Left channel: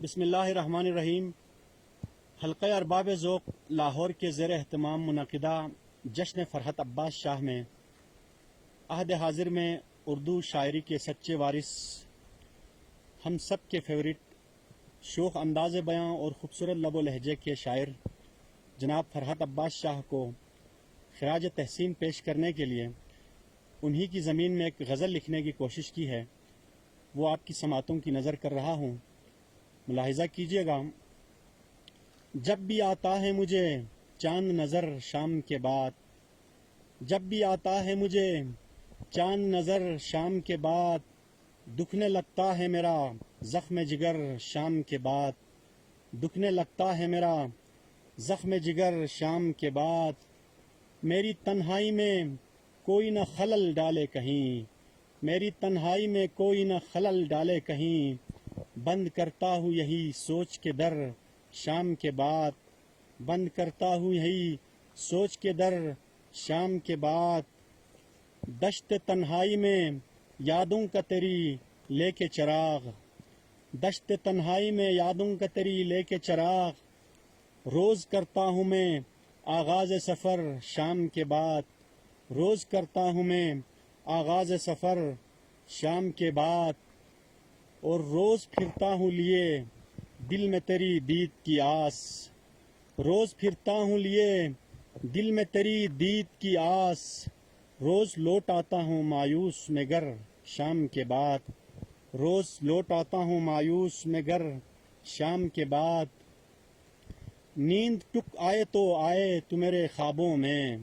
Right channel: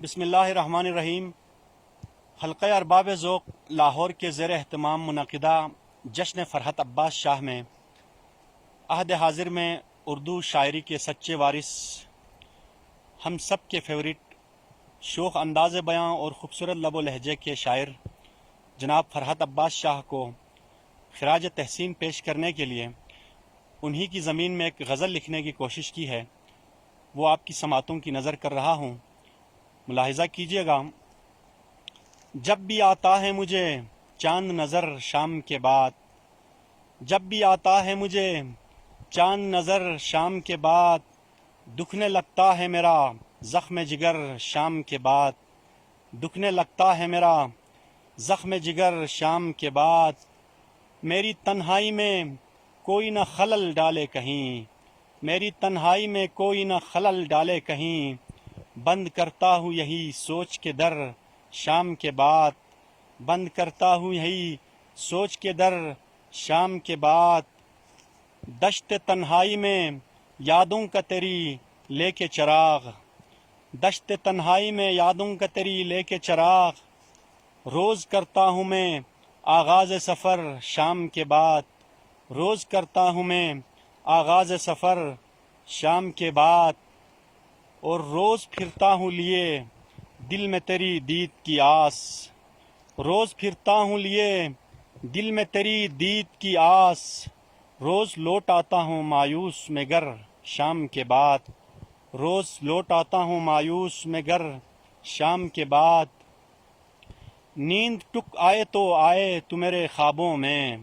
بسم اللہ الرحمن الرحیم۔ حلقہ ارباب ذوق لاہور کے زیر اہتمام منعقدہ جشن فرحت عباس شاہ میں عہد حاضر میں اردو شاعری کے سچے وارث، ہم سب کے فیورٹ، شوخ انداز بیاں اور خوبصورت لب و لہجے کے شاعر جناب فرحت عباس شاہ کو خراج تحسین پیش کرنے کے لیے انہی کی زمین میں ایک غزل لکھنے کی کوشش کی ہے، وہ آپ کی سماعتوں کی نظر کر رہا ہوں، ملاحظہ کیجیے گا۔ جب بھی آتا ہے مجھے چاند نظر شام کے بعد، جب بھی آتا ہے مجھے چاند نظر شام کے بعد، دکھنے لگتا ہے میرا زخم جگر شام کے بعد، دکھنے لگتا ہے میرا زخم جگر شام کے بعد، میری تنہائی میں کوئی نہ خلل ڈالے کہیں، میری تنہائی میں کوئی نہ خلل ڈالے کہیں، بند کرتا ہوں یہی سوچ کے در شام کے بعد، بند کرتا ہوں یہی سوچ کے در شام کے بعد، دشت تنہائی میں یادوں کا تیری لے کے چراغ، دشت تنہائی میں یادوں کا تیری لے کے چراغ، روز کرتا ہوں میں آغاز سفر شام کے بعد، روز کرتا ہوں میں آغاز سفر شام کے بعد، اور روز پھرتا ہوں لیے دل میں تیری دید کی آس، روز پھرتا ہوں لیے دل میں تیری دید کی آس، روز لوٹ آتا ہوں مایوس میں گر شام کے بعد، روز لوٹ آتا ہوں مایوس میں گر شام کے بعد، نیند ٹک آئے تو میرے خوابوں میں،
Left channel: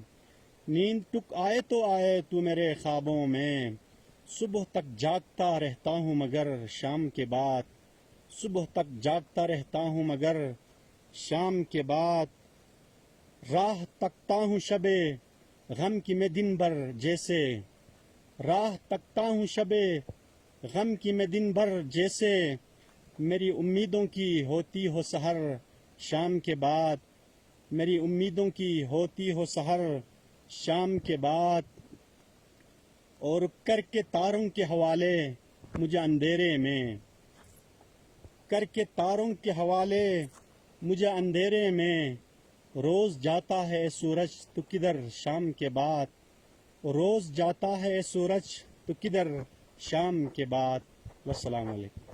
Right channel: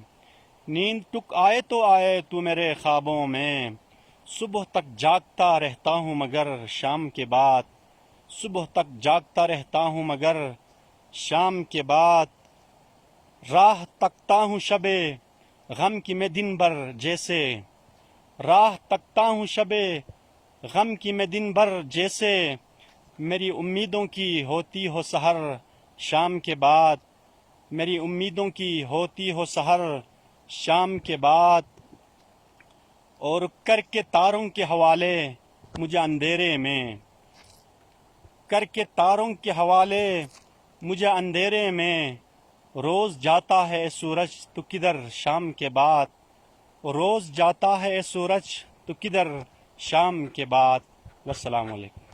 نیند ٹک آئے تو میرے خوابوں میں، صبح تک جاگتا رہتا ہوں مگر شام کے بعد، صبح تک جاگتا رہتا ہوں مگر شام کے بعد، راہ تکتا ہوں شب غم کی میں دن بھر جیسے، راہ تکتا ہوں شب غم کی میں دن بھر جیسے، میری امیدوں کی ہوتی ہو سحر شام کے بعد، میری امیدوں کی ہوتی ہو سحر شام کے بعد، اور کر کے تاروں کے حوالے مجھے اندھیرے میں، کر کے تاروں کے حوالے مجھے اندھیرے میں، روز جاتا ہے سورج تو کدھر شام کے بعد، روز جاتا ہے سورج تو کدھر شام کے بعد۔ والسلام علیکم۔